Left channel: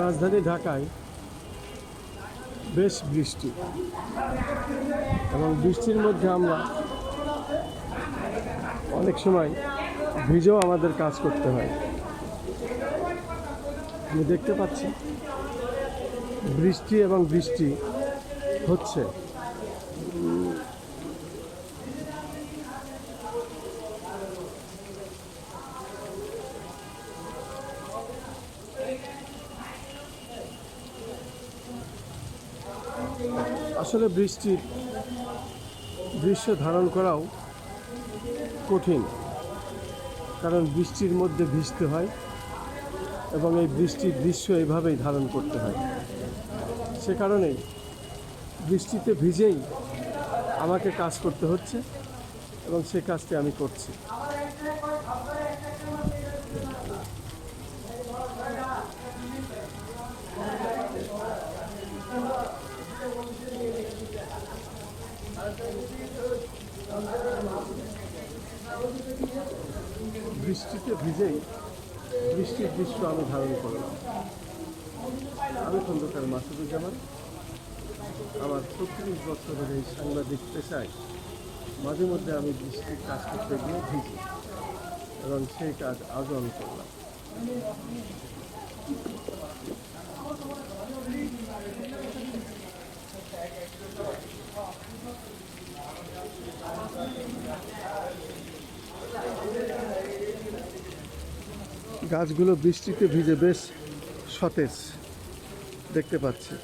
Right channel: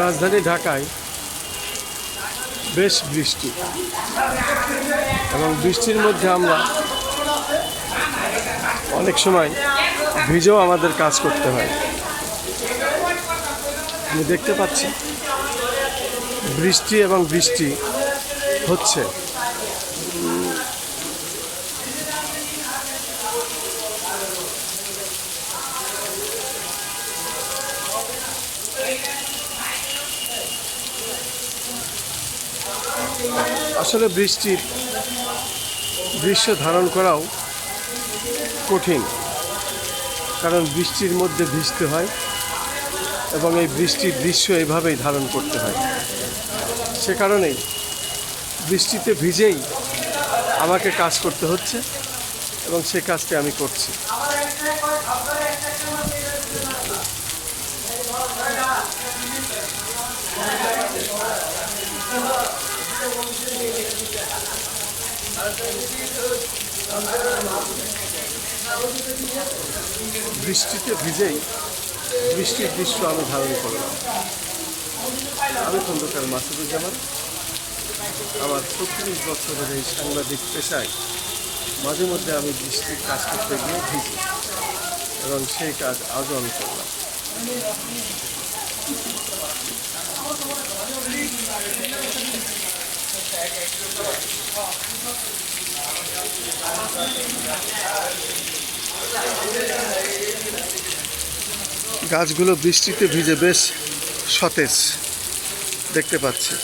রাজধানী ঢাকায় বেশ বৃষ্টি, এবং বৃষ্টির মধ্যে আমরা অনেক সময় ভিজেও আমাদের কাজ করতে হয়। আমি দেখতে পাচ্ছি বৃষ্টি এবং বৃষ্টি হচ্ছে। আসলে বৃষ্টির দৃশ্য ধারণ করাও কঠিন, কারণ বৃষ্টির মধ্যে ভিজতে হয় এবং এই বৃষ্টির দৃশ্য এভাবেই ধারণ করতে হয়। সে কারণেই বৃষ্টিতে ভিজেই আমাকে কাজ করতে হচ্ছে এবং সে কাজটি আমি করছি। বৃষ্টিতে ভিজেই বৃষ্টির দৃশ্য আমি ধারণ করলাম। আমি খন্দকার মাসুদুজ্জামান। আমার ৩৬ বছরের এই সাংবাদিক পেশায় মাঝে মধ্যে আমি বৃষ্টির কাজ করতে গিয়ে ভিজি, এবং সেই কাজ আজও আমি করলাম। গাছগুলো বৃষ্টিতে ভিজে বেশ সতেজ দেখতে পাচ্ছি।